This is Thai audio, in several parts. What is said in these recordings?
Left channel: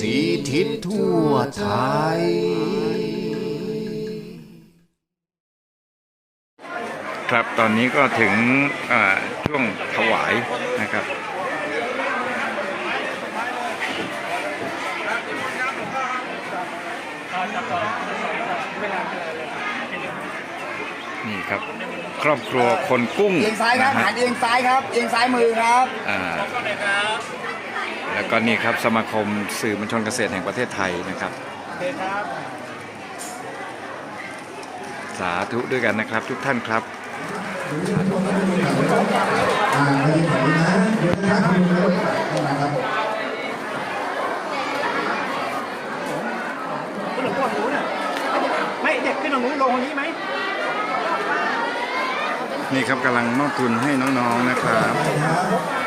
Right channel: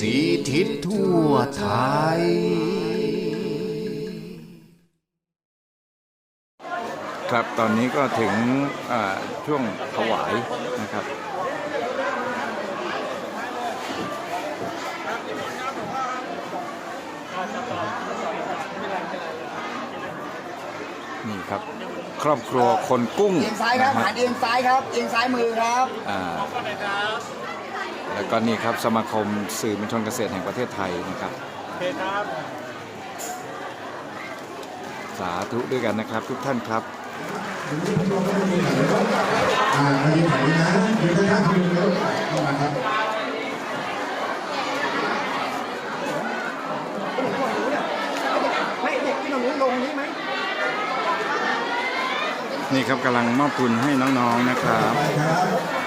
สีทิศทั่วไทย ครับตอนนี้ก็ถึงอ่าช่วงถวายนะครับนี่ครับ ครอบครัวคนกุ้งเอียงซ้ายครันะบฮะหันเอียงซ้ายครับเอียงซ้ายมือครับ อ่า แล้วก็นี่ครับสมาคมสื่อมวลชนเกษตรแห่งประเทศไทยนะครับ สาธุด้วยกันนะครับ ทุกท่านครับอ่ามายืนแถวนี้นะยืนข้างๆคุณลุงแล้วเข้ามาครับไม่เด็กขึ้นตรงนู้นลงนี้ไหมนี่ครับกำลังมอบทุนให้น้องๆนะครับ ไปครับ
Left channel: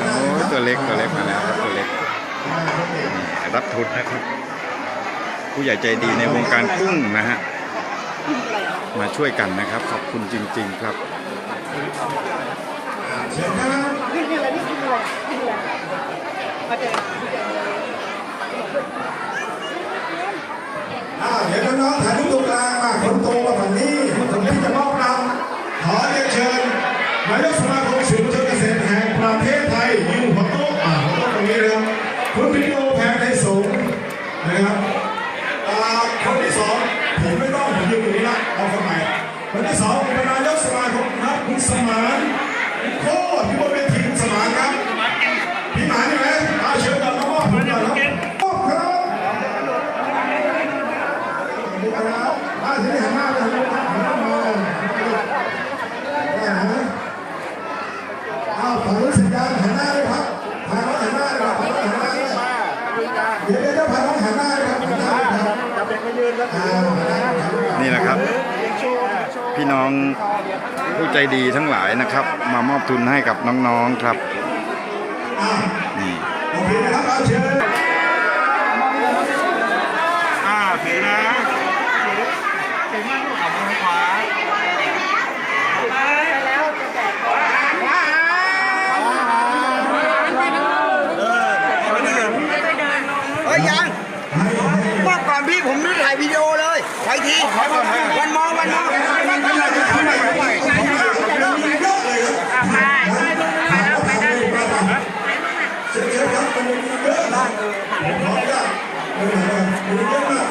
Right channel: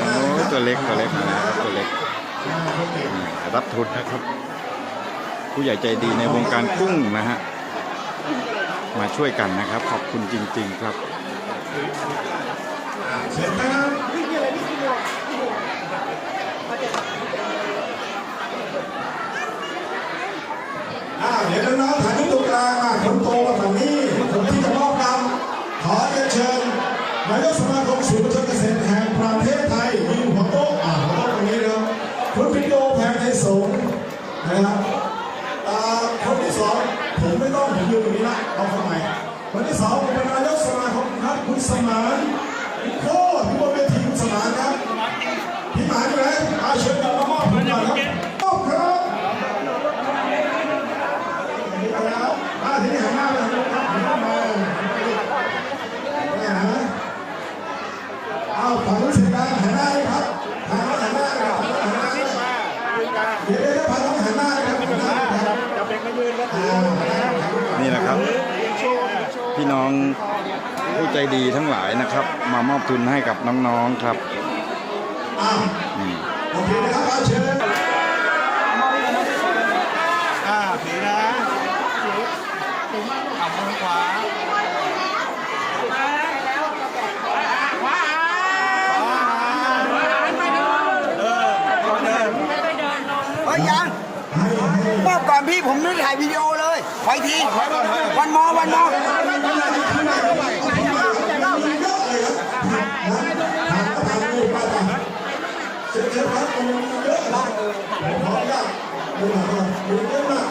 โอ้ย ตัวเล็กตัวเล็กมาแล้วครับตัวเล็กรับทุนนะครับ ผู้ใหญ่ใจดีในวงการกุ้งนะฮะมาช่วยกันนะครับ ขอบคุณจริง ๆ ครับเชิญครับอ้าวเดี๋ยวน้องๆถ่ายรูปตรงกลางมาคนโตมาฝั่งนี้คนที่จะมอบรางขอเรียนเชิญนายกสมาคมสื่อมวลชนเกษตรแห่งประเทศไทย ใจดีทั้งหลายนะครับ มามอบทุนให้กับน้องๆครับนี่ โอเคนะครับเอาเชิญ อ่าถือนะถือมากลูกของมือขวาเฮ้ยยังบอกก่อนพี่ผมไม่ถ่ายวิดีโอเลยไปทีวันมองวันมอง เชิญเชิญครับตรงนี้เยอะมากเลยผมขออนุญาตเดินทางมาเยอะมาก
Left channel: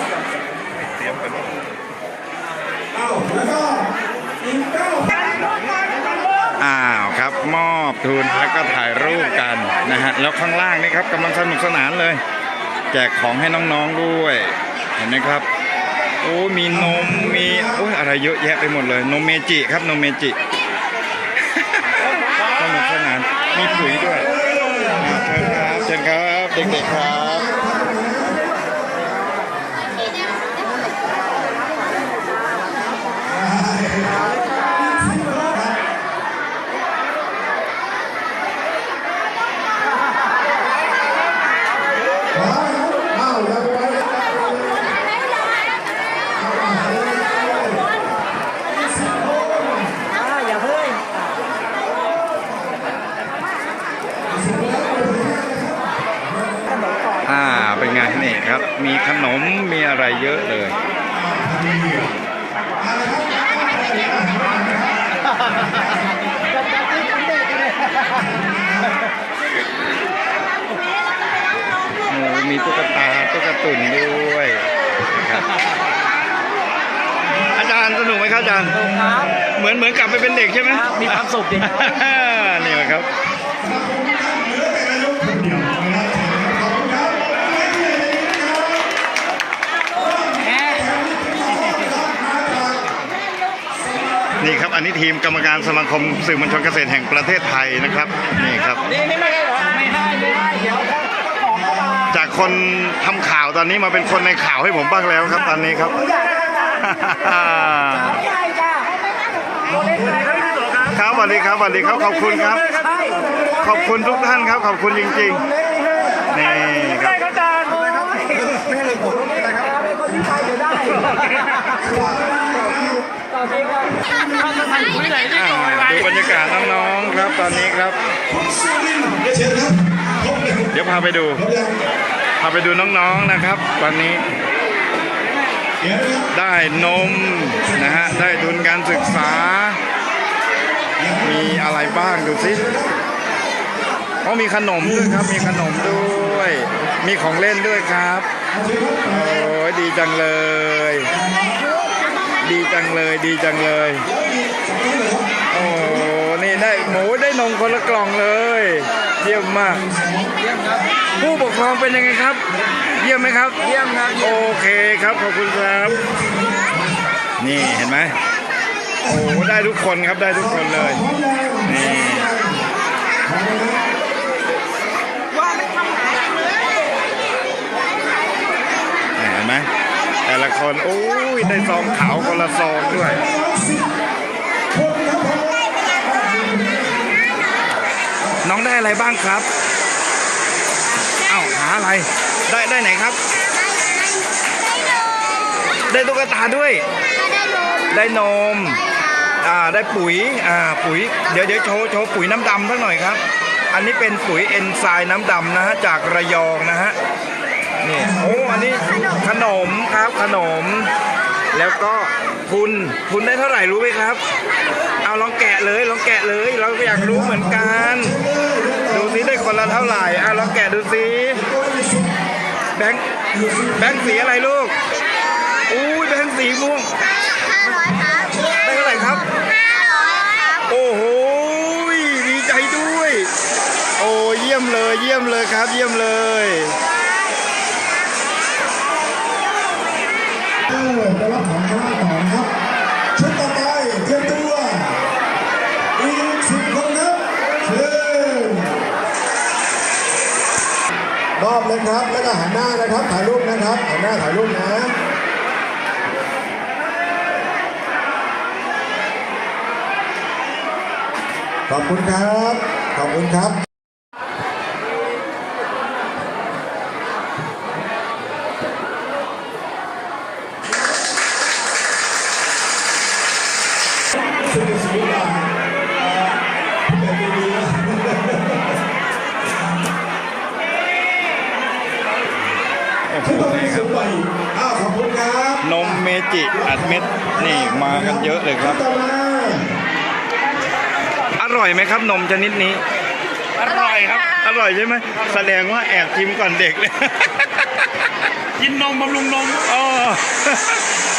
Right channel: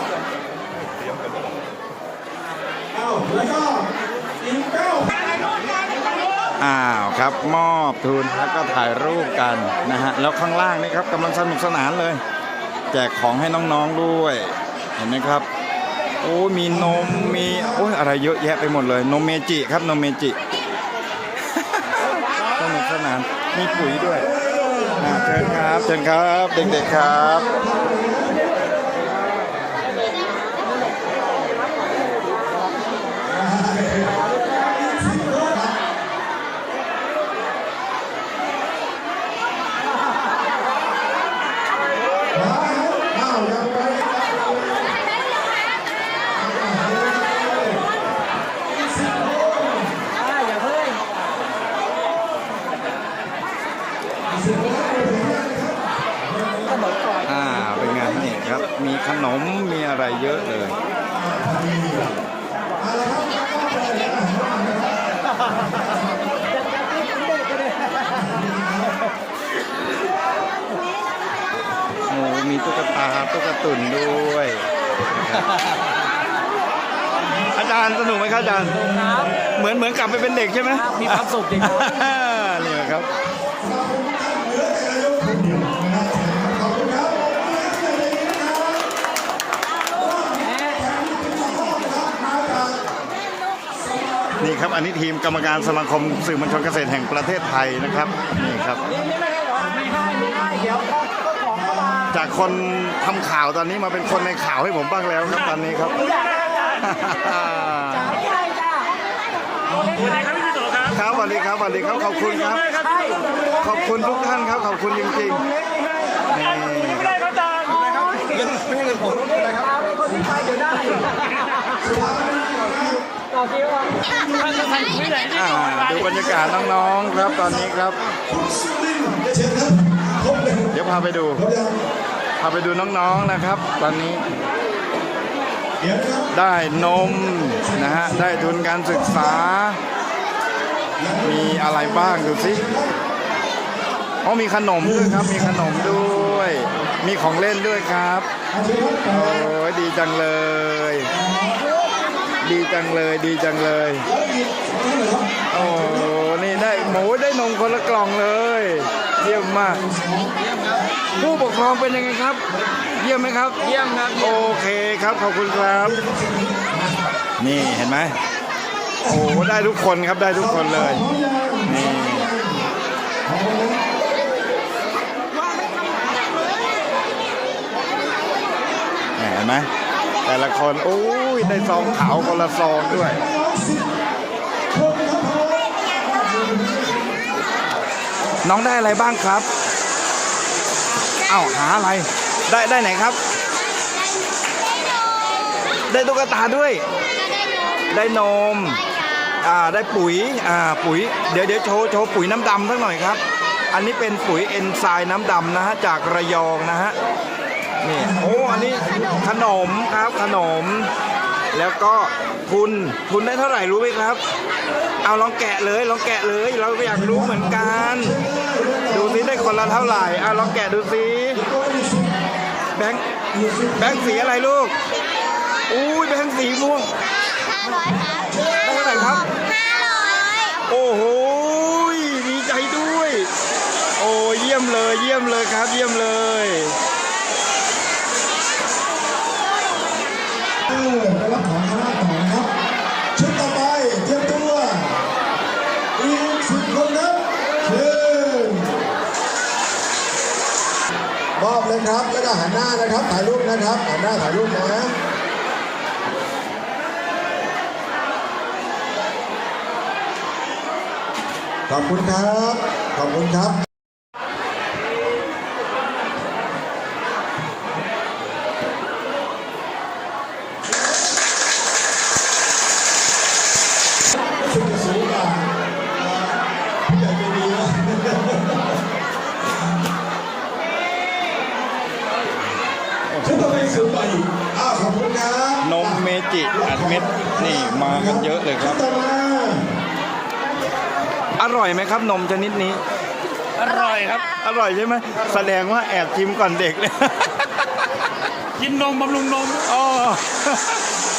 อ้าวแล้วก็อีกเก้าอ้าวครับมอบทุนแล้วก็ถ่ายรูปกันนะฮะแล้วข้างล่างนี่ครับกำลังสนุกสนานเลย แจกของให้น้องๆด้วย เห็นไหมครับโอ้มีนมมีโอ้ยอะไรเยอะแยะไปหมดเลยนมเมจิครับนมเมจิ นุกสนาน มีปุ๋ยด้วยอ่าเชิญครับเชิญครับเด็กๆครับมาแล้วอ้าวยังไปสิบโมงไปถึงห้าเลยครับ อ่าเป็นไงนี่ครับ มีขนมมีอะไร เยอะเลยโอ้มีตุ๊กตาตุ๊กตุ่นด้วยนะครับอาจารย์สนุกไหมครับอาจารย์ครับ เหมือนเหมือนกลับไปเป็นเด็กใช่ไหมครับมีความสุขดีครับนี่แหละครับ นี่ครับอันนี้ทีมกรรมการสมาคมสื่อมวลชนเกษตรแห่งประเทศไทยนะครับนี่ครับ จากคนทำข่าวตอนนี้มาเป็นคนในข่าวให้ผมบ้างแล้วครับตอนนี้ครับครับสวัสดีครับสวัสดีครับขอบคุณครับ ขอบคุณทุกท่านครับ ขอบคุณจริงๆนี่ครับไม่ให้เลยผมต้องเป็นอะไรครับ อ่าดูบรรยากาศน้องๆครับตอนนี้ครับ เดี๋ยวพาไปดู พาไปดูน้องๆนะครับ ตอนนี้ได้นมนะฮะ ได้ทุนการศึกษา มีอะไรบ้างดูสิอ๋อมีขนมด้วยครับ มีขนมด้วย มีของเล่นด้วยครับ โอ้ยดีจังเลย ดีจังเลยดีจังเลย โอ้นี่ได้หมูได้นมคนละกล่องเลย เยี่ยมมาก ผู้ปกครองเป็นยังไงครับ เยี่ยมไหมครับ เยี่ยมครับ โอเคครับขอบคุณครับ นี่เห็นไหมโอ้ได้ทุกคนครับได้ทุกคนเลยนี่เห็นไหม แต่ละคนโอ้ยได้ซองขาวคนละซองด้วยน้องได้อะไรบ้างครับ เอ้าหาอะไร ได้ได้ไหนครับ ได้ตุ๊กตาด้วย ได้นม อ่า ได้ปุ๋ย อ่า ปุ๋ย เดี๋ยวเดี๋ยวโชว์โชว์ปุ๋ยน้ำดำสักหน่อยครับ อันนี้เป็นปุ๋ยเอนไซม์น้ำดำนะฮะ จากระยองนะฮะ นี่โอ้อันนี้ขนมครับขนม แล้วก็ทุนทุนได้เท่าไหร่รู้ไหมครับ เอาลองแกะเลยลองแกะเลย เราก็อยากรู้เหมือนกัน ดูซิได้คนละเท่าไหร่อะลองแกะดูซิแบงค์แบงค์สีอะไรลูกอุ้ยแบงค์สีม่วงห้าร้อยครับได้เท่าไหร่ครับห้าร้อยครับโอ้โหดีใจด้วย โอ้เยี่ยมเลยเยี่ยมเลยครับ เยี่ยมเลย เออไปรับของข้างล่างต่อนะครับชุดต่อไปเตรียมตัว อีกสิบคนครับเชิญมอบเลยครับแล้วก็หันหน้านะครับถ่ายรูปนะครับหันหน้าถ่ายรูปนะ ข อบคุณครับ ขอบคุณครับซึ่งจะซื้อมาเอ่อผู้ใหญ่ใจดีนะทุกคนมีซื้อไปอ้าวขอบคุณครับนมเมจิอัดเม็ดนี่มากันเยอะเลยครับ ต่อมา อร่อยไหมครับ นมชนิดนี้ อร่อยครับ อร่อยใช่ไหมแสดงว่าแอบชิมก่อนเด็กเลย กินนมบำรุงนมอ๋อ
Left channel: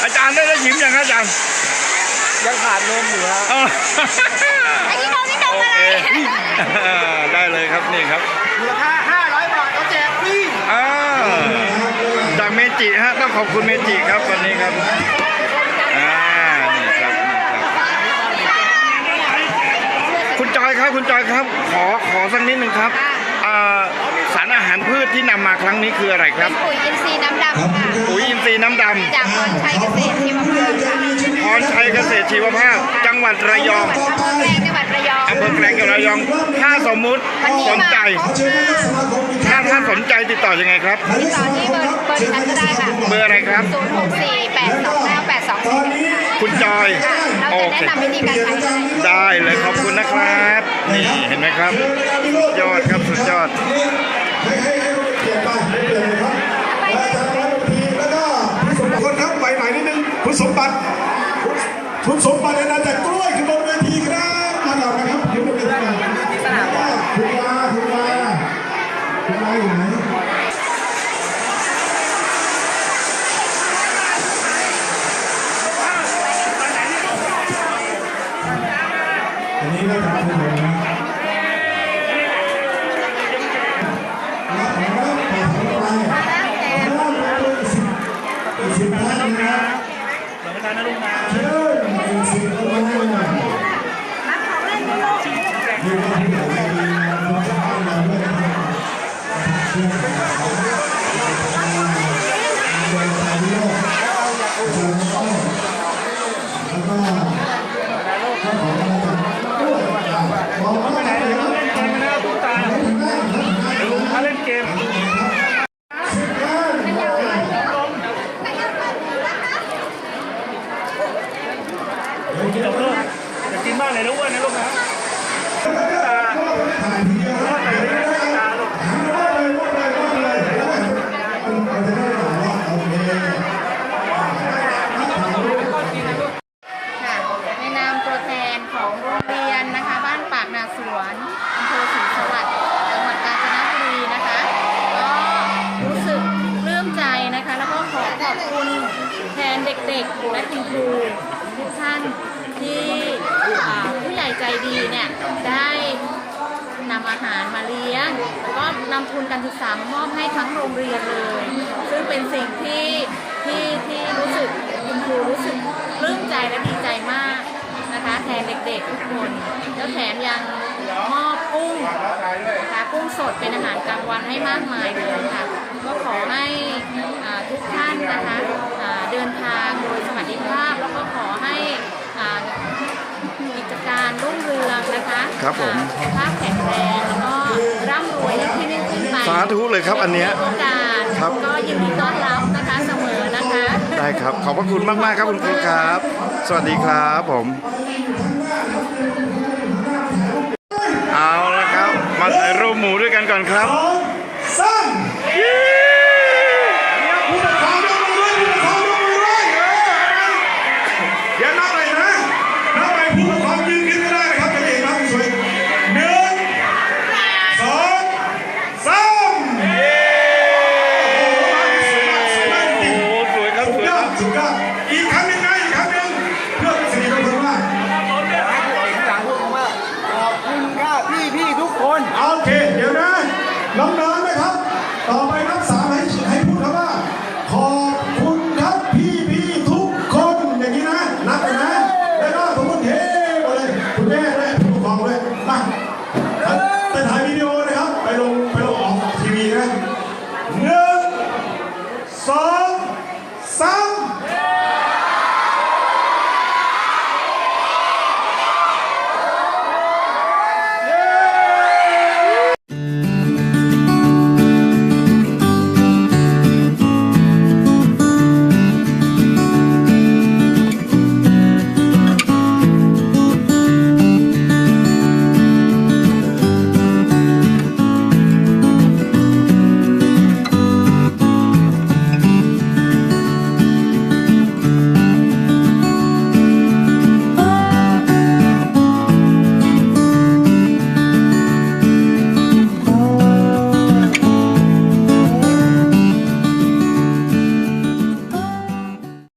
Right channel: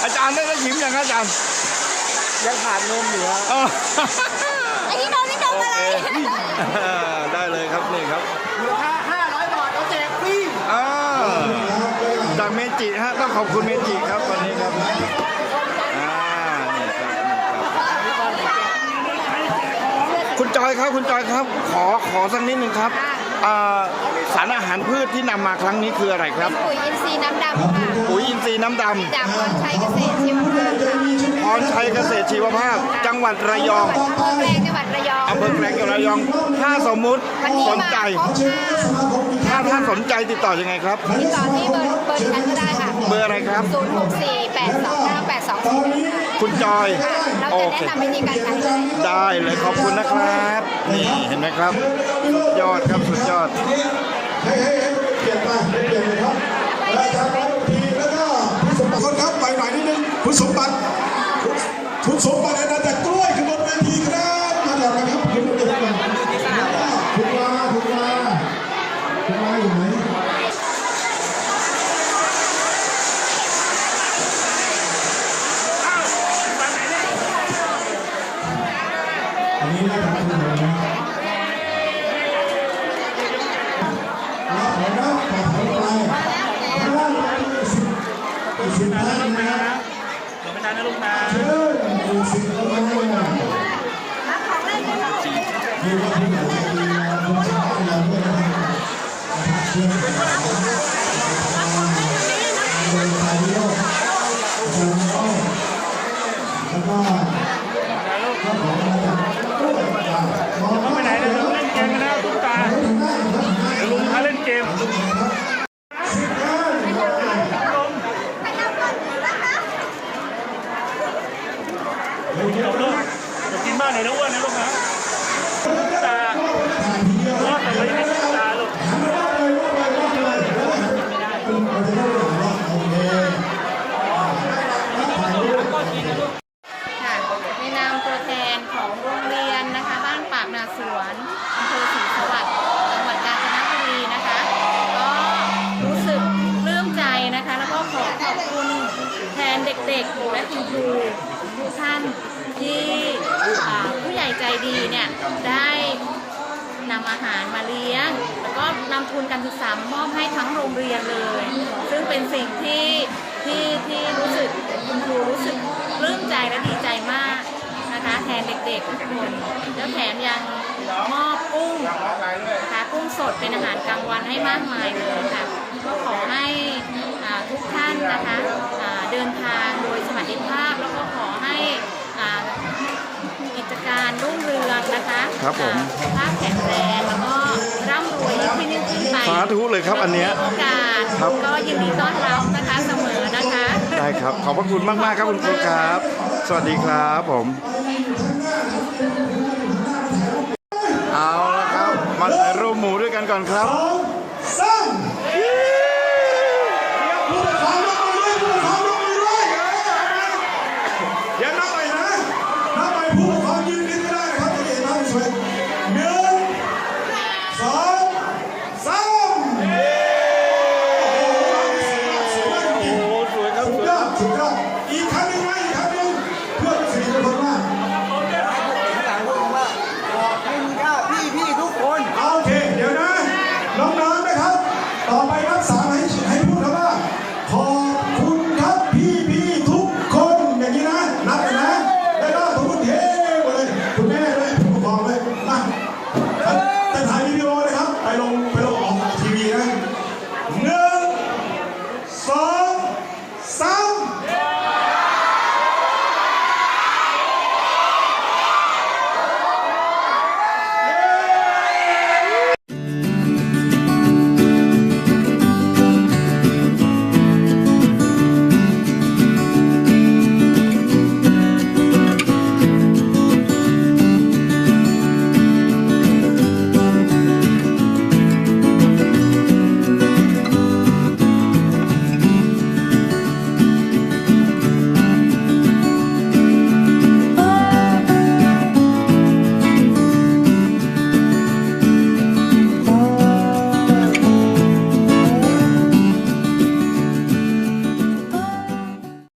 อาจารย์ได้ได้ชิมยังครับอาจารย์ยังขาดนมอยู่ครับอ๋อไอ้ที่น้องนี่นมโออะไรเคได้เลยครับนี่ครับมูลค่า500 บาทเราแจกฟรี อ่าจากเมจิฮะต้องขอบคุณเมจิครับวันนี้ครับ อ่า นี่ครับนี่ครับ คุณ จอยครับคุณจอยครับ ขอขอสักนิดหนึ่งครับอ่า สารอาหารพืชที่นำมาครั้งนี้คืออะไรครับ ปุ๋ยอินทรีย์น้ำดำค่ะ ปุ๋ยอินทรีย์น้ำดจากพรชัยเกษตรชีวภาพค่ะำพรชัยเกษตรชีวภาพ จังหวัดระยองอำเภอแกลงจังหวัดระยองอำเภอแกลงจังหวัดระยอง ถ้าสมมุติสนใจเชิญนายกสมาคมอีกคถ้ารั้งถ้าสนใจติดต่อยังไงครับนายกต่สอมาที่คเบมอครับร์เบอร์เชิญนั้นนายก็กสได้มาค่ะคมเบอร์อะไรครับ ศูนย์หกสี่แปดสองเก้าแปดสองตสี่อนนี้คุณจอยเราโอจะเค แนะนำวิธีการใช้ได้เลยขอบคุณนะครับ นี่เห็นไหมครับ สุดยอดครับสุดยอด ให้ให้ให้เปลี่ยนไปเปลี่ยนเลยครับอาจารย์ร้อยทีแล้วก็คุณสมบัติครับไปหน่อยนิดนึงคุณสมบัติคุณสมบัติอาณาจักรกล้วยขึ้นบนเวทีครับมาก่อนนะครับขึ้นบนเวทีก่อนคุณลาคุณลาคุณลาอยู่ไหนอันนี้น่าจะเป็นผมนะ ดีเนี่ยได้นำอาหารมาเลี้ยง แล้วก็นำทุนการศึกษามอบให้ทั้งโรงเรียนเลย ซึ่งเป็นสิ่งที่ที่ที่รู้สึกคุณครูรู้สึกปลื้มใจและดีใจมากนะคะแทนเด็กๆทุกคนแล้วแถมยังมอบกุ้งนะคะกุ้งสดเป็นอาหารกลางวันให้มากมายเลยค่ะก็ขอให้ทุกท่านนะคะเดินทางโดยสวัสดิภาพแล้วก็ขอให้อ่ากิจการรุ่งเรือง นะคะครับผมอ่าสุขภาพแข็งแรงแล้วก็ร่ำรวยยิ่งขึ้นยิ่งขึ้นไปสาธุเลยครับอันเนี้ยมีโอกาสครับก็ยินดีต้อนรับนะคะเสมอนะคะ ได้ครับ ขอบพระคุณมากๆครับคุณครูครับ สวัสดีครับผมเอาละครับ มาถ่ายรูปหมูด้วยกันก่อนครับ